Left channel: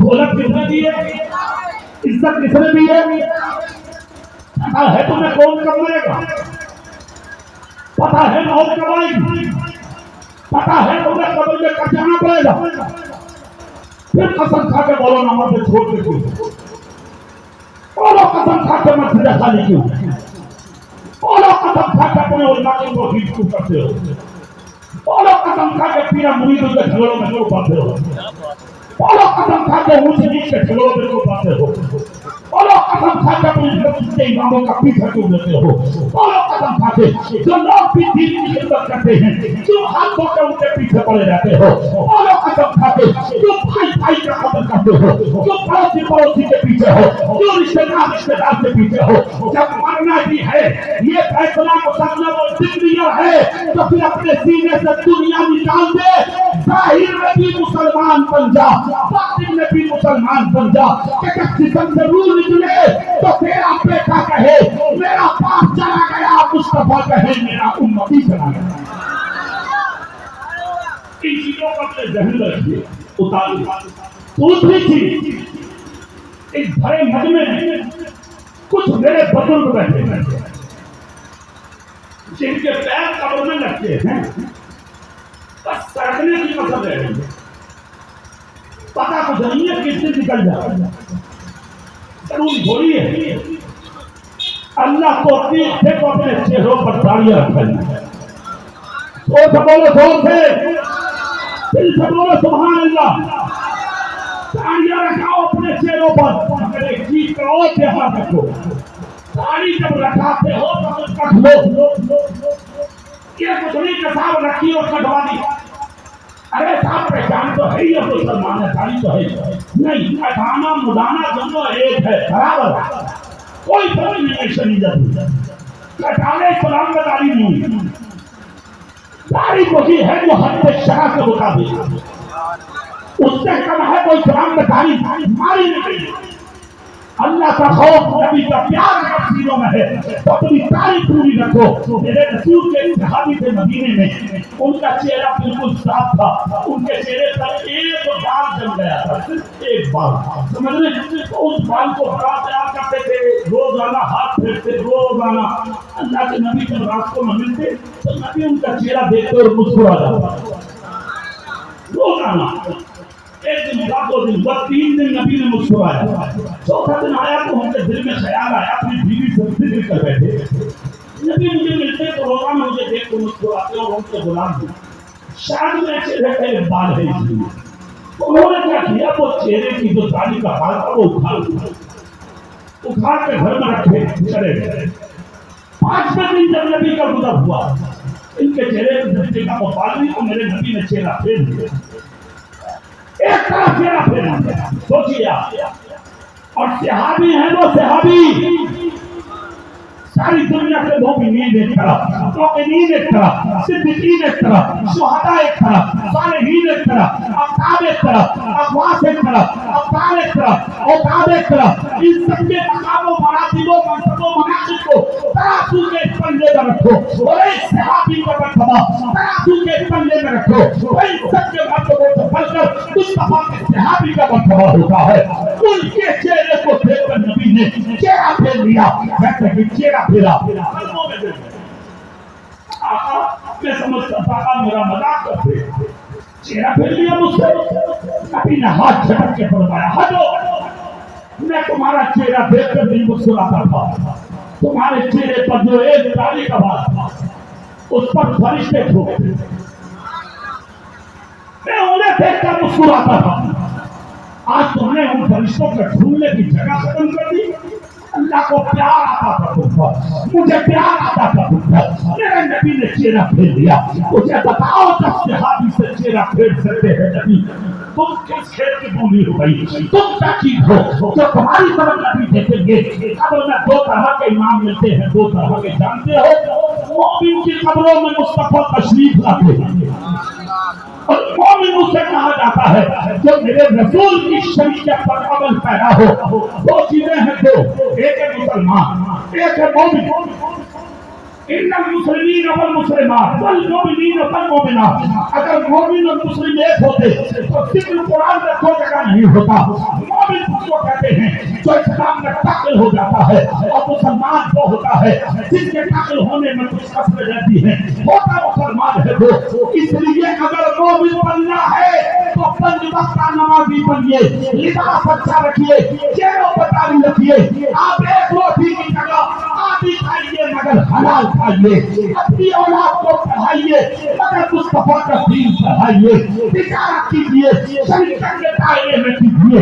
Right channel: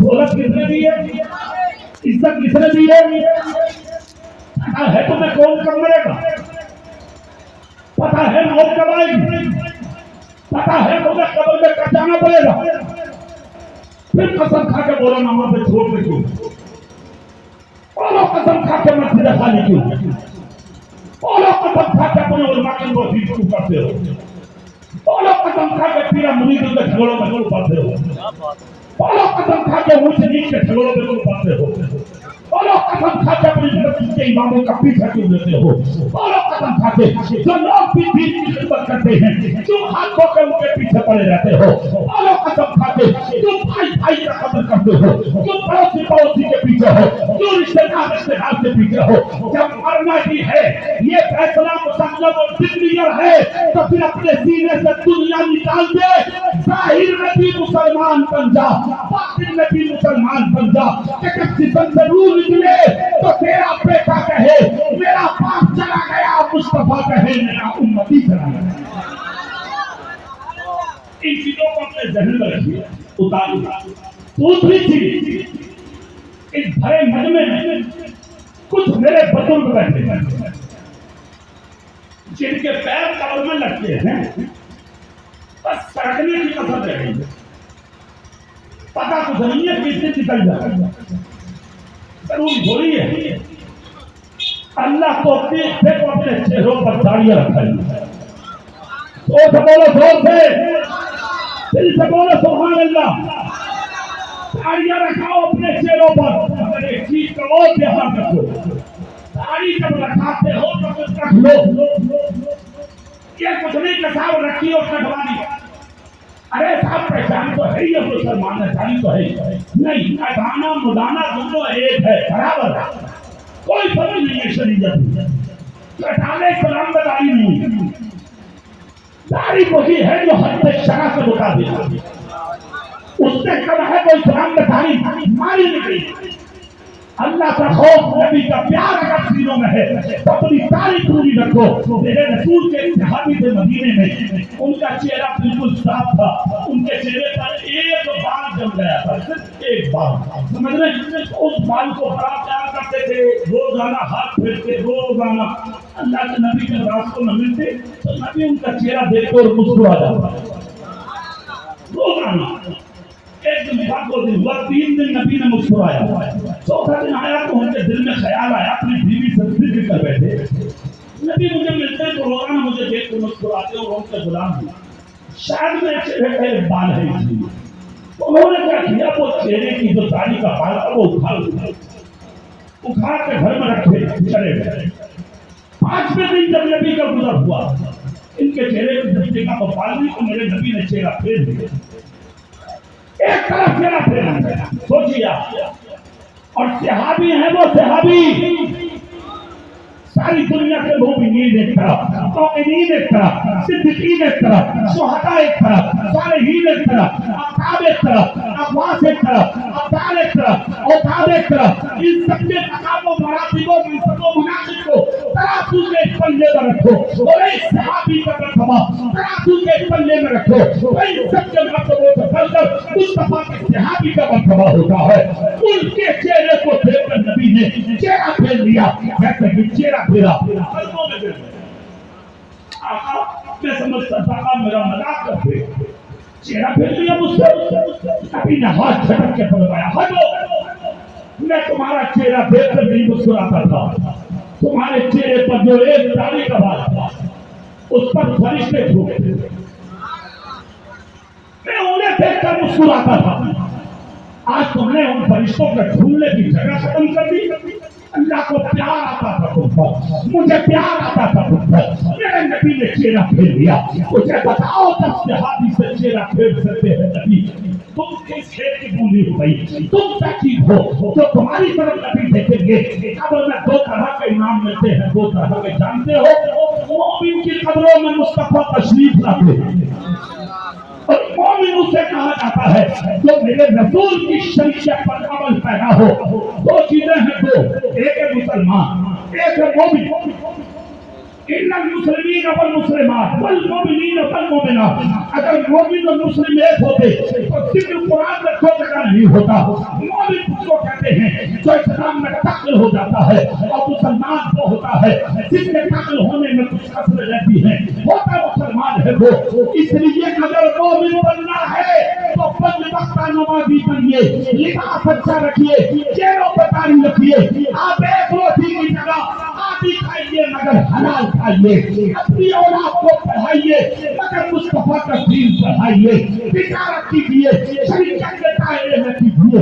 دولت کس نے دی ہے؟ عزت کس نے دی ہے؟ پتا ہے تمہیں کون کم کرے گا؟ پتا ہے موت کب آئے گی؟ پتا ہے تمہیں قبر میں کب جانا پڑے گا؟ پھر قسم کھا کے بولو نماز چھوڑ دے کیوں؟ بولو قسم کھا کے مسجد خالی کیوں؟ بولو قسم کھا کے اپنے علماء کی توحید کیوں کرتے ہو؟ بولو قسم کھا کے پیرا مریدوں کے جھگڑوں میں کیوں پڑتے ہو؟ بولو قسم کھا کے اونچ نیچ کے جھگڑوں میں کیوں پڑتے ہو؟ بولو قسم کھا کے اپنے مسجد کے اماموں کا پیچھا کیوں لیتے ہو؟ بولو قسم کھا کے جو لوگ بھی دین کی خدمت کرتے ہیں کیوں ہاتھ دھو کے ان کے پیچھے پڑے رہتے ہو؟ بولو قسم کھا کے کیوں بھائی بھائی کا قدر کرتے ہو؟ کیوں پڑوسی پڑوسی کے پیچھے ہو؟ کیوں رشتے دار کے پیچھے ہو؟ جب مرنا ہی ہے، یہ فیصلہ مسلم اور کلیئر ہے، تو پھر اپنے سینے سے دنیا نکال دے، ظاہر میں بھی مسلمان بن جا، باطن میں بھی مسلمان بن جا، کہ جب جسم سے روح نکلے تو تیرا بیٹا کہے میرا باپ چلا گیا، مصطفیٰ کہے میرا امتی چلا گیا۔ ان چیزوں کو اپنے ذہن میں رکھیے، اتاریے۔ دوسری چیز، اس بھرے مجمع میں کچھ میرے بزرگ بیٹھے ہیں جن کے پیر قبر میں لگتے ہیں، بس سڑکنے کی قسم لے رہی ہے، پتہ کچھ نہیں ہے کس دن نکل جائے، ضروری تھوڑی ہے۔ اللہ کو اپنے چہروں پر داڑیاں رکھائی ہے، زور سے بولو، زور سے دل سے بولو سبحان اللہ۔ داڑیاں رکھاؤ اپنے چہروں پر، اگر ایک چیز کا اور دھیان رکھو، داڑھی جب رکھاتے ہو تو کچھ رکھ لو، یہ کچھ نہیں کہ صاحب رکھی اور کٹوا دی، ارے صاحب پہچان تو ہے ہی، اب مسلمان ہے، داڑھی تو ہے نہیں، کٹانا مڈانا دونوں ایک ہے، برابر ہے، کوئی فرق نہیں ہے شریعت میں۔ کٹانے اسلام میں داڑھی نہیں ہے، داڑھی وہی ہے جو حد شرع کے مطابق ہے، اس سے کم ہے کوئی اسلام میں داڑھی ماری نہیں۔ اللہ کا خوف، نبی کا پیار اگر سینوں میں ہے تو اپنی داڑھی پوری رکھو۔ میرے رسول کے صحابی تھے مدینے میں، ان کا چہرہ بالکل صاف تھا، ان کے چہرے پر ایک بال جم گیا تھا، صرف ایک بال، سمجھ رہے ہیں؟ اس بال کو بڑا پیار کرتے تھے، روزانہ ہاتھ پھیرتے، روزانہ اللہ کے نبی کے راستوں میں ملتے تو نبی ان کا چہرہ دیکھتے اور مسکرا جاتا، روزانہ۔ ایک دن ہوا، دو دن ہوا، تین دن نبی نے مسکرایا، چوتھا دن آیا تو ان کے دل میں خیال آیا، اپنی بیوی سے ذکر کر بیٹھے، نبی مجھے ملتے تو روزانہ مجھے دیکھ کے مسکراتے اور ان کے غلام ہوں، شاید میرے چہرے کا ایک بال ہے اس لیے۔ انہوں نے کیا کیا، وہ چہرے کی جو داڑھی کا بال تھا وہ اکھاڑ کے گھر میں رکھے، چلے گئے۔ پانچویں دن جب نبی کا گزر ہوا، ان کے چہرے پہ جب دیکھا تو بال نہیں، تو میرے نبی نے چہرہ پھیر دیا، ایک طرف چہرہ پھیرنا ہے، سوچیے آپ۔ اور صحابی ہیں وہ صحابی، ساری دنیا کے مومنین ایک طرف، مومنین ایک طرف، صدیقین ایک طرف، شہداء ایک طرف، صالحین ایک طرف، اقطاب ایک طرف، اقواس ایک طرف، ابدال ایک طرف، اوتاد ایک طرف، ان سب کے مقام و مراتب و منصب و مناصب کو ترازو کے پلے میں رکھو، اور ایک صحابی کا مرتبہ ترازو کے پلے میں رکھو، اور ان سب کے مرتبوں سے بڑھ کر مصطفیٰ کے صحابی کا مرتبہ ہوتا ہے۔ ان کے چہرے کو دیکھ کر نبی نے چہرہ پھیر لیا، کہتے ہیں چہرہ پھیرا، قلبوں میں گر گئے۔ آقا میں سمجھتا تھا آپ میرا مذاق کرتے، چہرہ پھیر لیا مجھ سے، نبی نے ہاتھ جھٹک کے فرمایا ہٹو، میں تمہارا چہرہ دیکھ کر نہیں مسکراتا تھا، تمہارے چہرے پر جو ایک داڑھی کا بال تھا اس پر فرشتے تھوکتے تھے، میں انہیں دیکھ کر مسکراتا تھا، آج تم نے ان فرشتوں کے ڈھونڈنے کی جگہ ختم کر دی۔ اللہ کو پیار آتا تھا تم پر، مجھے پیار آتا تھا تم پر، میرے نبی نے چہرہ پھیر لیا۔ مجھے بتاؤ 10 صحابی سے چہرہ پھیر سکتے ہیں نبی؟ تم کس کھیت کی بولی ہو گئی؟ تم کیا چیز ہو جو تمہاری طرف نبی دیکھیں گے؟ قبر میں 2 طرح کے امام ملتے ہیں، 2 طرح کے، جانتے ہو؟ مومن کی قبروں میں مصطفیٰ تشریف لاتے ہیں، اور مومن اسے کہا جاتا ہے جو میرے رسول کی شریعت پر عمل پیرا ہو۔ 2 چیزیں ہیں، 2، ایک ہے مسلمان، ایک ہے مومن۔ ان المسلمین والمسلمات والمؤمنین والمؤمنات، اگر مومن اور مسلم ایک ہوتے تو صرف قرآن میں کوئی جگہ نہیں ہوتا. مومن اس کو کہتے ہیں جو اسلام میں داخل ہو جاتا ہے، اور مسلمان وہ ہوتا ہے جس کے داخل ہونے میں کچھ کسریں رہتی ہیں. ہوتا مسلمان ہے وہ. اس لیے اگر مومن بننا ہے تو 5 وقتہ نمازی بنیے، لباس اچھا رکھیے، چہروں پر داڑھی رکھیے. آپ ایک روٹی کی جگہ آدھی کھائیے مگر حلال کھائیے. اپنی اولاد کو پڑھائیے مگر مصطفیٰ کا دین پڑھائیے. تجارت کیجیے شریعت کے دائرے میں کیجیے.